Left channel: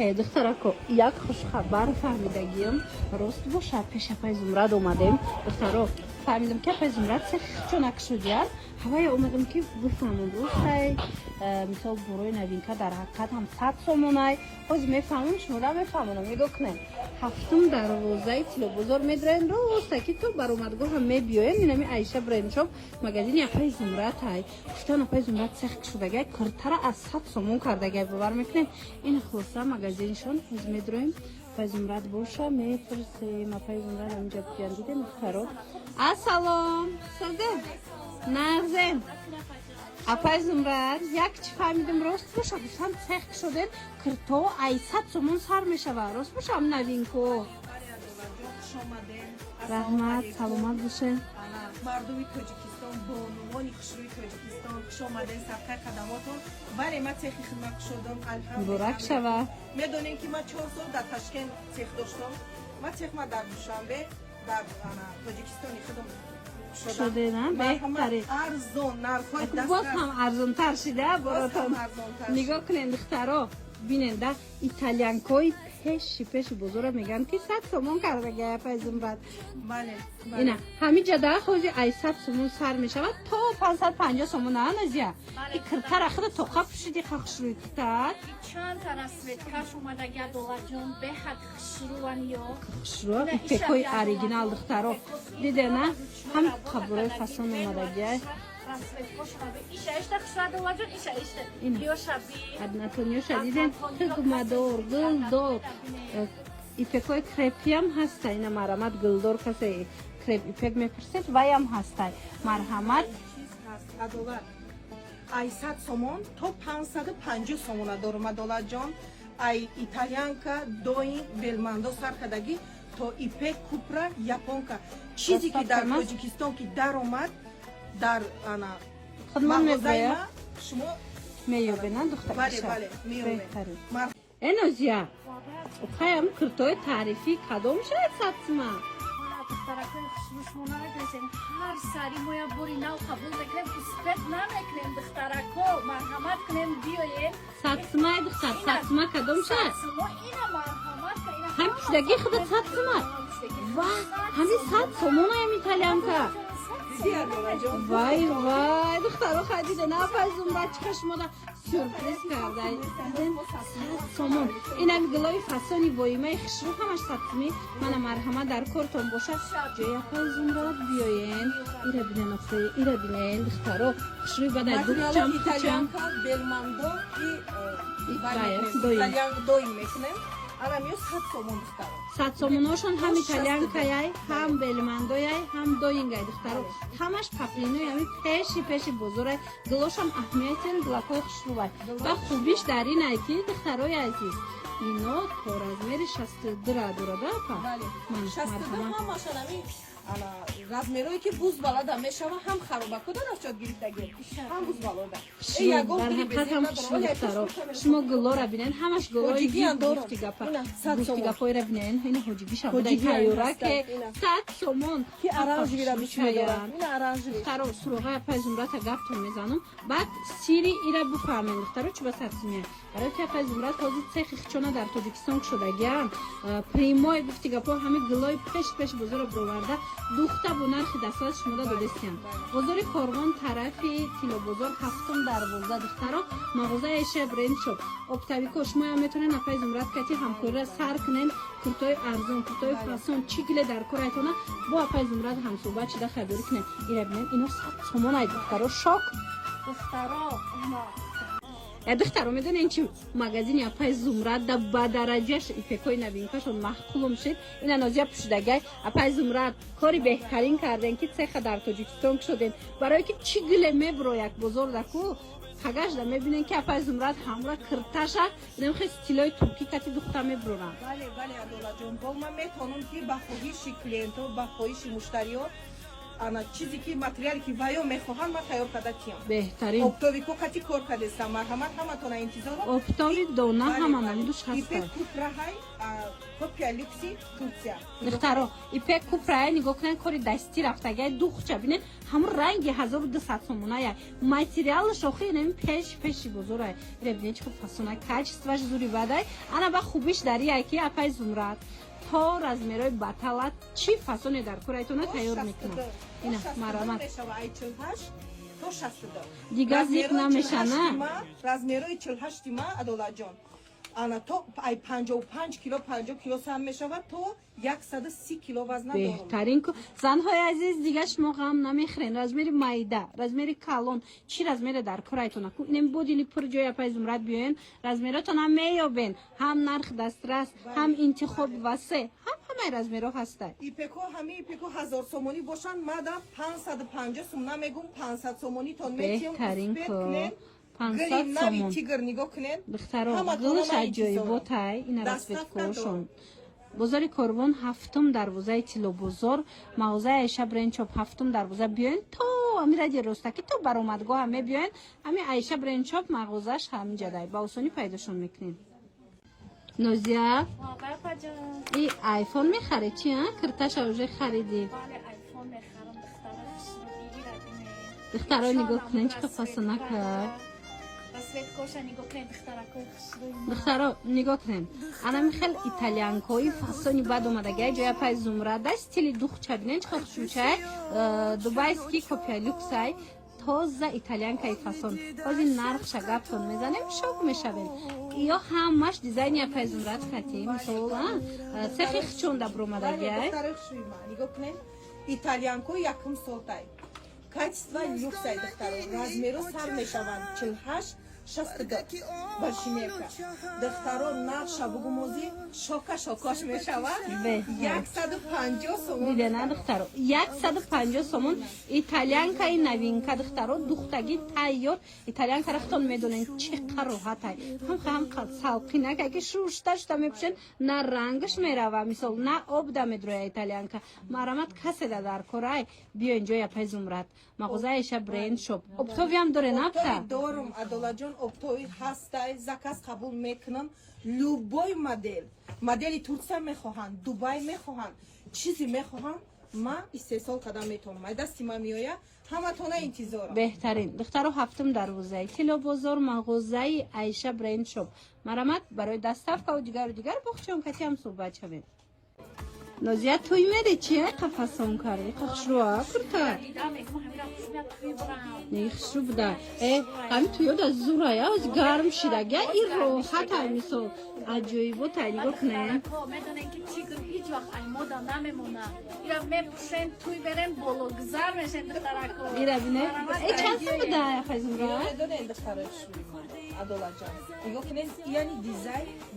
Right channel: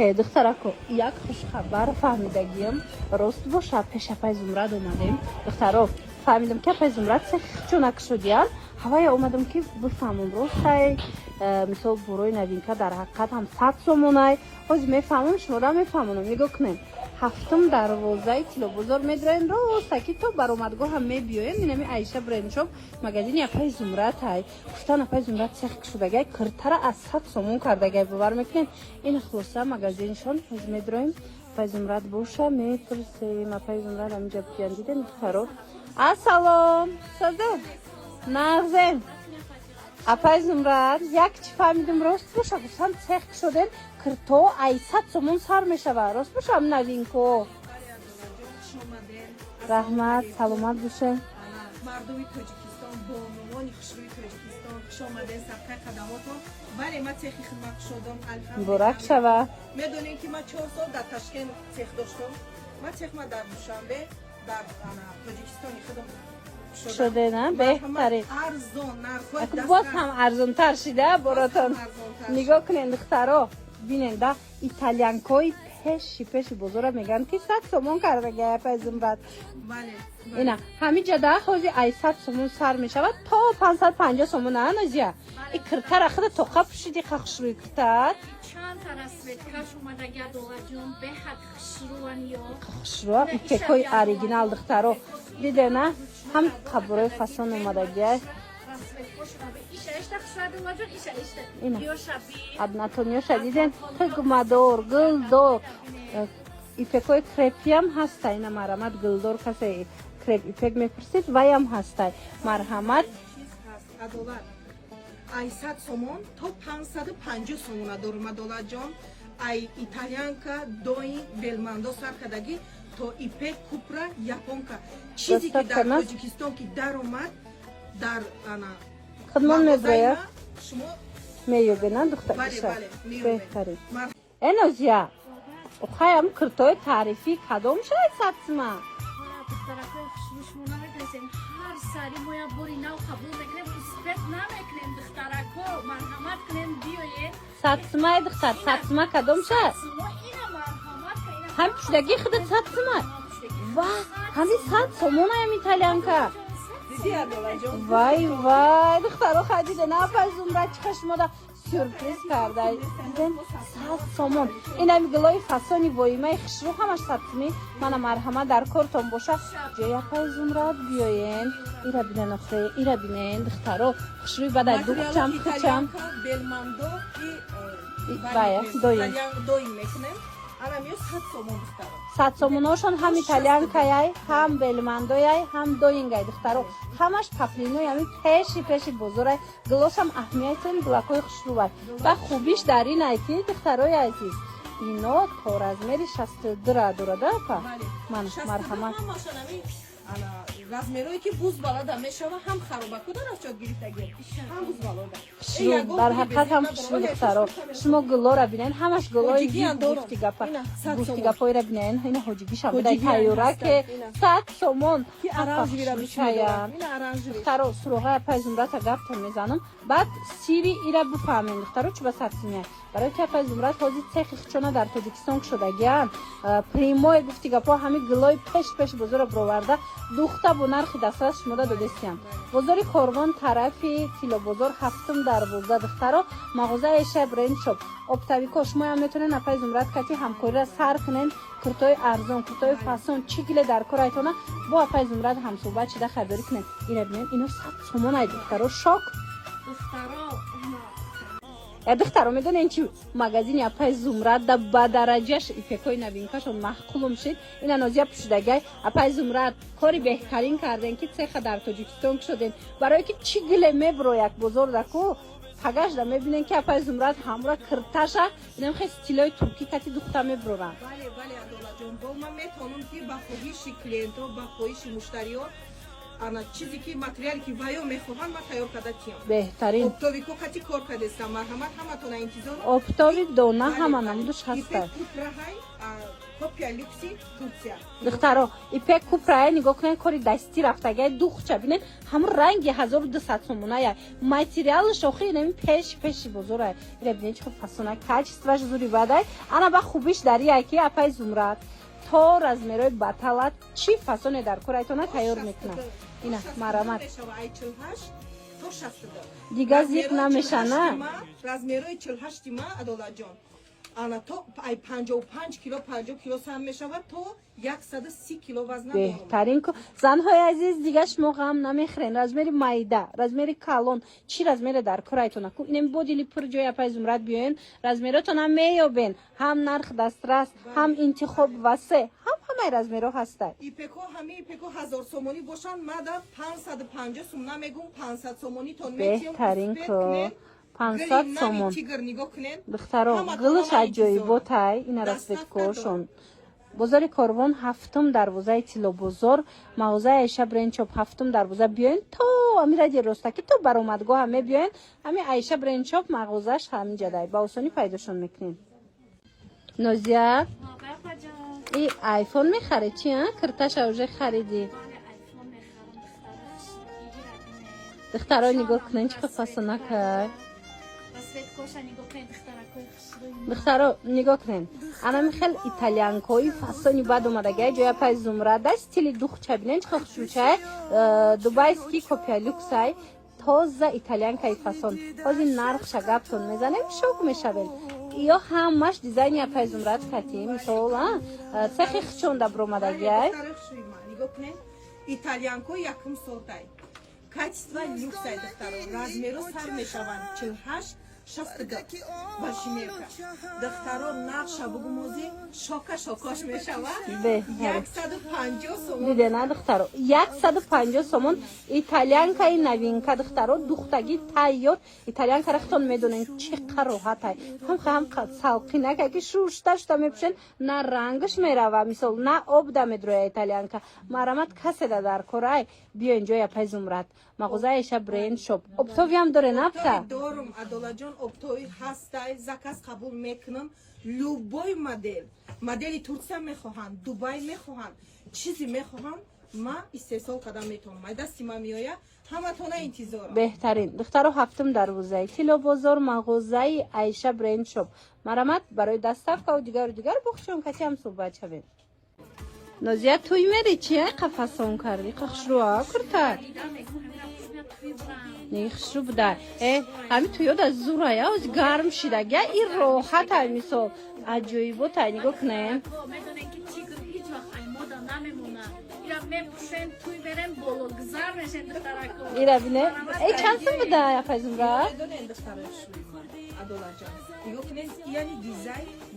دخترکو یک خبر فهمیدگیم راست باشه پیش پای زمرد اومدیم دخترو فهمیدم که پای زمرد چونک شدیم هوای اومدم که بفهمم راست مثل گروه نوین که در حقیقت هم فکسمونه باز میفهمم شما را میفهمونم میدکنیم هفتم دروازه تلو بزرگ میدرین راست که تو بر اومدگاه هم میبیایم اینمی عیشه برایم شب مگزین یک پای زمرد های گفتان پای زمرد سخت شدگه کرتر از 100 سومون کردگه ببر میکنیم این خلاصه مگزینشان از میدرین پای زمرد باشه میفرستیم پای زمرد همینجا بیان دیدیم خراب السلام صدق نغزین اپای زمرد یک چی فهمیدیم راست باشه بسان سخت شدن کرتو ایصد سومون سر میشه و راست باشه هم ندین که رحمت سلامت باشه مردمی تاجیکستان بانوانی خوشروی تاجیکستان خوش آمدین صدقه قدماتون بله من تخی خدمت شدم الحمدلله برک شوه میدونین که من 4 سال در تشکیل تخ داشتم من تخ ما در دوشنبه در تاجیکستان خدمت شده نه بهتره ارزون نرخوی دست باز هم ارزون تر شده براتون نگاه کنین دخترها بینین ده ایتالیانکوی پیش بزرگ میگن که 100 سومون کرده گه پای زمرد بله اینا همین جده خوزی 800 سومون سر میشود تا 550 سومون نه نزیه این کرتر اخیر توقع پشیدی خشروی کتر چند تا رسوید کش اومده گه دوغا جون به حد خشروان یا خشرو این تکوی اریجینال دخترو دیده نه هم قبروی فاسون اومده گه رسوید خوش را به ایشه اشته خشرا دوغا جون ایشه اشته اینا یا شبیه ادناتونیا شدیدن گمادور گلدور این تکوی کرپی هم هسته این مرحمت گلدور کسی کرپ ایپک میپرسید وی هم هسته مرحمت عدالت 800 سومون تا 550 سومون دارم عدالت جان ای ایتالیانکا دوین بلماندو سرکدگی تا ایپک کوپرا یاپونکا چیزی که در تاجیکستان که در اومد در خدمت میگوید شما میگویدن دختر بله بله میگوید اینوزیا اخوایم کرتوی تعریفی کدوم شاید سبسما دخترکای خشروشمونه میگویدن هر سری مویا بوری نو قبول میکنیم اسپت نمیکنیم دخترکو مرحمت کنیم بیاین سبسما دختر سبسما کدوم شاید سبسما اینه مرحمت کنیم هم پشتگی خودت سبسما وای همین سب سومون هم ایتالین که وای وای دخترها خدیده نه پرزون بچه خشماده سورپریز کرده دیدن 100 سومون این هم گلای فسانی وایمه خشرو همش سبسمی من مرحمه در کارتون باشه جای پرزون را بیاین ایره بینن اخواه ایره بینن دخترها خشروی بعد دوچم بلماندو دوی میکنم الان میو 100 سومون دخترها 100 سوموناشون هم ایتالیان کایای هم بلماندوی هم دوینگای دخترها همش پاپلینوی همین پیش بزرگ گلوش هم اهمیتن گلاکوی خشروبای و خوبیش در این ایتی دخترهای ایتی اینا پر از میری 62 را دوراده که من مرحمت رزمیروی که بوز بالا میشه هم خرابه کدن افشاد گرفتگی هم بوز بالا در حقیقت هم خشروب دخترها شما گلو را بینن همش گلوی دوستی گپای را بینن این حجیگی شما بودن تایورا که 100 سومون که ارانجوی را بیشمیدارم این ارانجوی دخترها سروغه پای زمرات گفتون میزنم بعد سیری ایرا بفهمین دخترها چه بسات سمیه برای که پای زمرات حاضی تخی خچونه در تاجیکستان شده گیان پریموی گفتی گپا همه گلوی پیش بزرگ بروارده دوخته بو نرخی دسترس شما را دادستیم بزاری کارگان طرفی تیلو بزرگ هفتم در بزرگ دخترها مغازه شب رین شد ابتدی کشمای هم میتونین اپای زمرات کتی همکاری را سر کنین کرتای ارزان کرتای فاسون چیگله در کارایتونه با اپای زمرات هم صحبت چیده خبری کنین ایره بینین اینو 100 سومون های دخترها شاک دخترها میدونین چی مگزین اپای زمرات در بدرجهش ایتکوی نبین کسون محکوم شد این نوزیا پسیدگی اپای زمرات کاری بهترین کردن که چه در تاجیکستان شدن برای که چی گله میبرو یک بزرگ کو پگاش دا میبینین که اپای زمرات همراه کرتاشا اینم خیلی استیلای ترکی کتی دختر میبرورن بله عدالت جون با من میتونم که با خواهش کلینتو با خواهش مشتریان ана чизе ки материали ки ваё мехоҳанд ма тайёр карда киям. بهترین Оптови ко кати кор кардеста марҳамат ҳаматона интизор. оптові дона همه نمودش Ипек هسته купраҳай копия люкси Турция. دخترا ایپک کوپرای نگاه کنن کاری دستی رفتگه دوخچه بینن همون رنگ 1200 сомона я материалش آخری نمی پیش بزرگ ببینید که فسونه کچستوش زوری بدای انا با خوبیش داری یکی اپای زمرد تا размерой баталат چی فسونه در کورایتونه تیار میکنن اینا مرامت دیگه زیق نمیشنه размерои 48 ма адолаҷон ана то ай 55 кило 50 кило сам мешавад то 130 кило вазна дорум. بهترین که زنهای عزیز دیگه شما غم نمیخورین размери майда размери کالون چی размери در کورایتونه کو اینم بودیلی پر جای اپای زمرد بیاین размерاتون هم میابین هم نرخ دسترس هم انتخاب واسه همه размерو هسته ипеко ҳами ипеко 1000 сомонӣ бошанд мада 550 сум намегум 500 сомонӣ тон метиям بهترین که 500 сомон тигр нигоҳ кунед دخترو گلش عجایبات های این رسپت کوشون بازار کاروان هفتم دروازه تیلو بازار مغازه عایشه برنچوب هفتم دروازه بیاین تو امید اگه راسته تو برآمدگاه همه بیاین همین عایشه برنچوب مغازش همینجا دای با آسانی پیداشون میکنین نازیه بابا جان این آیفون میخری چی ها؟ کرتش اوجه خریدی بله آیفون میخرم دختره دخترها نگاه کنین چه فسونه که رسویت کوشا نگاه کنین دخترکوی خشروی دخترها نگاه کنین انا میخوال ایتالیانکوی فسونی بعد اومده گه جای پای زمره ده ستیلی دوخچه بینین چه خوشوچه دوبای سکی کپیا لوکس های تازه ایتالیانکای فسون بازی نرخ شگب کن میزنیم شوک میشوین یا همش دیزاین یا پای زمره خطی مثلا سخی خشونده برومده گه нигоҳ кунед итальянко якум сортай качество люксай духтаро размеро сар мешаванд 48 62 башимека духтаро нақша бугумози шока шокош мешавад 150 сомон دیده نه دخترو 150 сомон ایتالیانکای новинка دخترو دختگی تایور ایتالیانکا رختون میدونین چقدر راحت های هم سالقی نگه که شورشتش تا میپشن نه رنگش میروه مثل نه آب دا میدروی ایتالیانکا مرامت کسی دا در کورای بیا اینجا یا پای زمرد مغازه ایشه برین شوب اپتوی هم داره نبتا دارم адолаҷон оптои ҳастай заказ қабул мекунам любой модели турсия мехоҳанд дубай мехоҳанд чизе мехоҳанд ма истеҳсол карда метавонам ай дасти ма меоя ҳаматона интизорам بهترین دخترو هفتم دروازه تیلو بازار مغازه عایشه برین شوب مرامت برای دسترخت و دیگر بخشون کسی هم صحبت شوید نازیه توی میری چیه قفصون کردی خشروها کرده نمیخشو بوده همین توی دا زوره یا گرم شده گه این راحت های مثل عجایبات های نگاه کنه میدونن که تیگر هیچ وقت ای مودا نمیمونه ایرا میپوشن توی برن بلوگزار میشن دخترکو ایرا بینه چند سو بوده یا فزم را دارن دخترای адолаҷон нигоҳ кунед яъни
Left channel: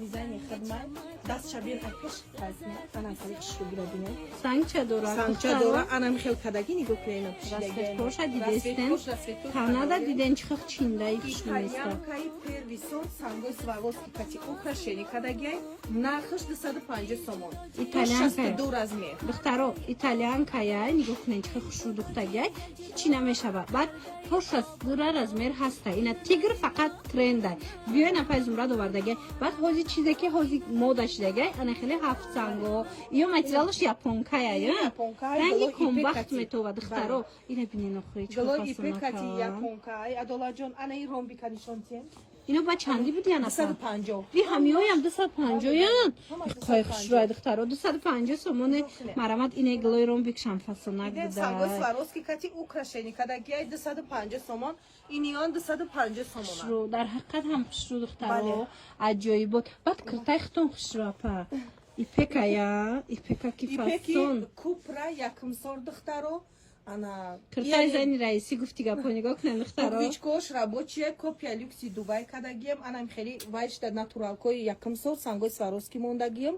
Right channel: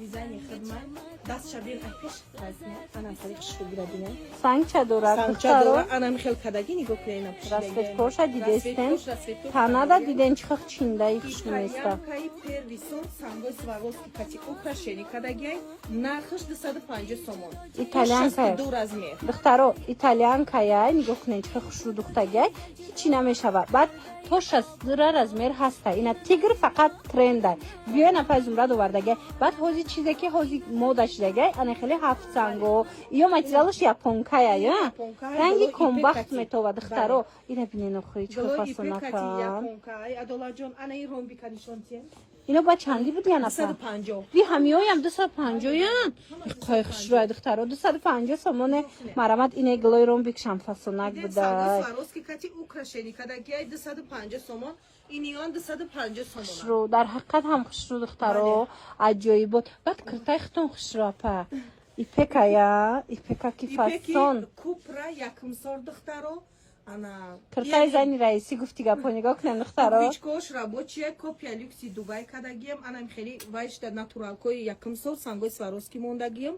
дизайни хидмат даст шабир айпеш ҳазме анам хали хушрӯ гира бинед سنگ چه دورد санча дора анам хел кадаги нигоҳ кунед راسفت پوشه دیدستن تانادا دیدن چه چینده ای خوش نیسته итальянкаи первый сон сангои сваровски кати украшени кадагиай нархаш 250 сомон ایتالیانکای 62 размер دخترو ایتالیانکای نگاه کنین چه خوش رو دختگه هیچی نمیشود بعد تو 62 размер هسته اینا تیگر فقط ترنده بیاین اپای زمرد وردگه بعد حوزی چیزی که حوزی مودا شدگه انه خیلی هفت سنگو یا ماتریالش یاپونکایه یا رنگی کمبخت میتو و دخترو اینا بینین خوری چه галои فاسونه ипекати کن японкаи адолаҷон ана ин ромбика нишонтием اینا با چندی بود یا نفر 250 یه همیایی هم 250 یان قایخش روی دخترها 250 سامونه مرامت اینه گلوی روم بیکشم فاسونک сангои بوده сваровски кати украшени кадагиай 250 сомон ин 250 сомон رو در حقیقت هم خوش رو دخترها عجایی بود بعد کرتای ختون خوش رو اپا ایپکا یا ایپکا کی فاسون ипеки купра якумсор духтаро ана کرتای زنی رئیسی گفتی گپا نگاه کنن دخترها вичкош рабочая копия люкси дубай кадагием анам хели вайшда натуралкои якумсор сангои сваровски мондагием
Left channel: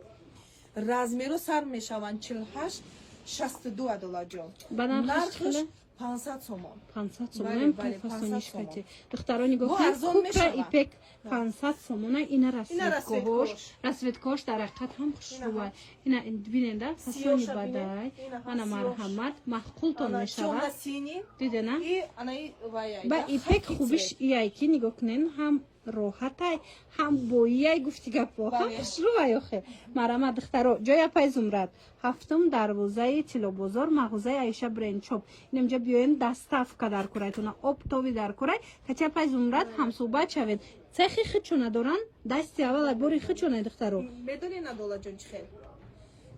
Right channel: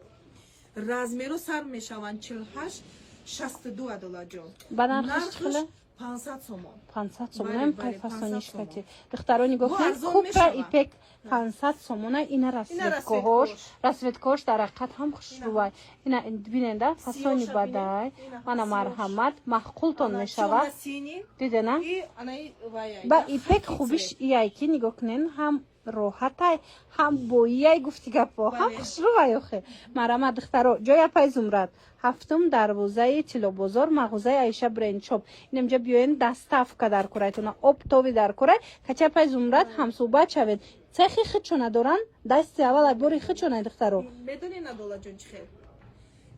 размеро сар мешаванд 48 62 адолаҷон ба нархш хеле 500 сомон. 500 Бали, сомон бали, то 500 фасониш сомон. хати. Духтарони Бо гуфтанд арзон купра мешава. ипек 500 сомона ина расветкош. расветкош дар ҳақиқат ҳам хушрӯбай. Ина биненда фасони Сиёша бадай. бинен. Ана Ина марҳамат маҳқултон Ана мешавад. чола сини. Дидена? И анаи ваяй. ба Да, ипек хати хубиш цвет. ияй ки нигоҳ кунен ҳам роҳатай ҳам боияй гуфти гапо ҳам Бале. хушрӯбай охе. Марама духтаро ҷоя пай зумрат. ҳафтум дарвозаи тилобозор мағозаи Аиша брендшоп. Инамҷа биёен даставка дар курайтона обтови дар курай. Кача пай зумрат ҳамсӯҳбат шавед. Цехи хичона доран дасти аввал бори хичонай духтаро. медони надола ҷон чӣ хел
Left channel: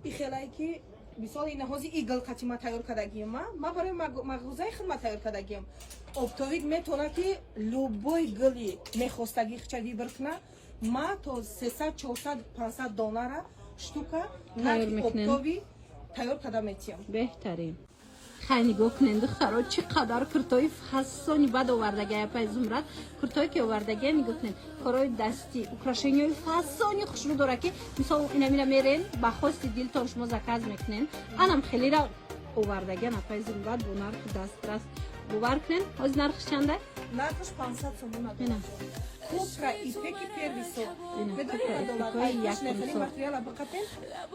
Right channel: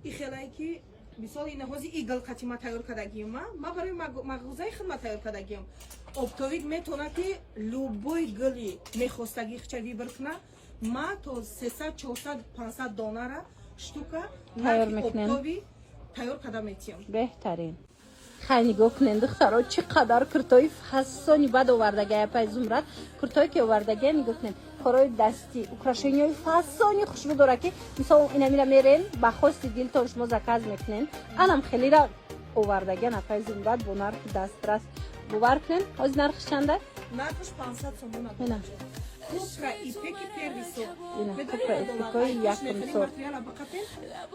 и хелае ки мисол ин ҳози игл қатима тайёр кардагием ма барои мағозаи хидмат тайёр кардагием обтовик метавона ки любой гили мехостаги хича вибр куна ма то 300 400 500 донара штука Тайёр наки мекунем. обтови тайёр карда метием беҳтарин хай нигоҳ кунед духтаро чӣ қадар куртои фасони бад овардагия пай зумрат куртое ки овардагия нигоҳ кунед корои дастӣ украшенияи фасони хушрӯ дора ки мисол инамира мерен ба хости дилтон шумо заказ мекунен анам хелира овардагия на пай зумрат бо нархи дастрас бовар кунен ҳозир нархи чанда нархаш 500 сомон Ина. купра ипеки первый сорт Ина, медони купра надола ипеки ай якум мехали сорт. материала бақатен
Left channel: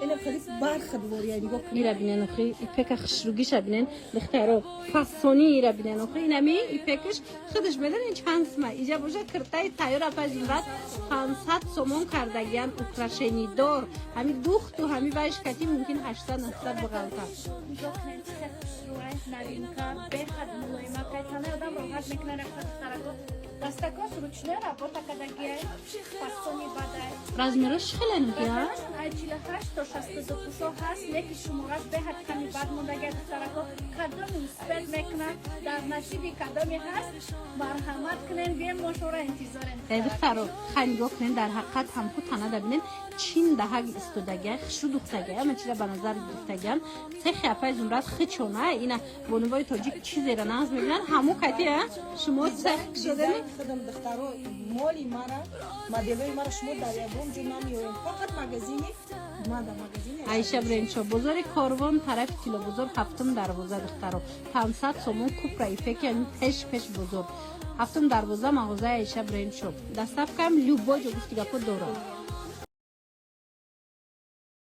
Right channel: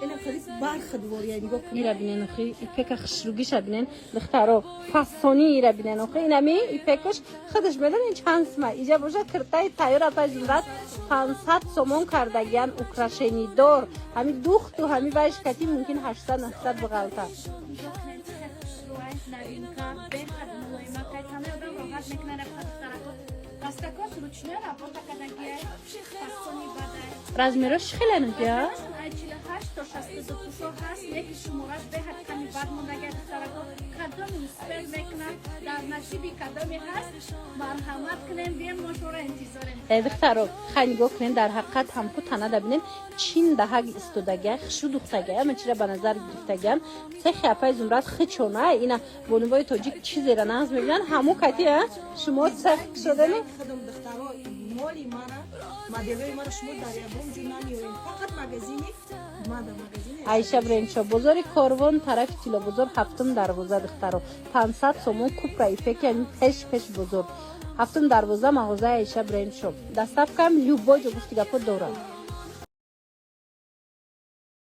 ина қариб бархи двория нигоҳ кунед мира бинен охи ипека хушрӯгиша бинен духтаро фасони ира бинен охи инами ипекаш худаш медонен чанд сма иҷа боша киртаи тайёра пай зумрат 500 сомон кардагиян украшенидор ҳами духту ҳами вайш кати мумкин 800 900 биғалта Дохнен цехи хушрӯай новинка беҳад мулоима кайтана одам роҳат мекунад духтарако дастакос ручной работа кардагия фасони бадай размерош хеланигия 48 то 62 ҳаст яки шумораш беҳад ками бад мондагия духтарако кадоми успех мекунад дар насиби кадоми ҳаст марҳамат кунен бием мошора интизорем духтаро хай нигоҳ кунен дар ҳақиқат ҳамку танада бинен чин даҳаг истодагия хишу духтагия мачира ба назар гирифтагиан цехи апай зумрат хичона ина бонувои тоҷик чизера нағз мебинан ҳамо кати шумо цех шудани خودم دخترها مالی مرا مدلای مرا شما در یکم جو نمیاریم فقط مگزینی ما در مگزینی Аиша брендшоп бозори корвон тарафи тилобозор ҳафтум дарвоза духтаро 500 сомон купра ипеки яъни пеш бозор ҳафтум дарвоза мағозаи Аиша брендшоп доставкаам любой ҷо гуфти гапо дорад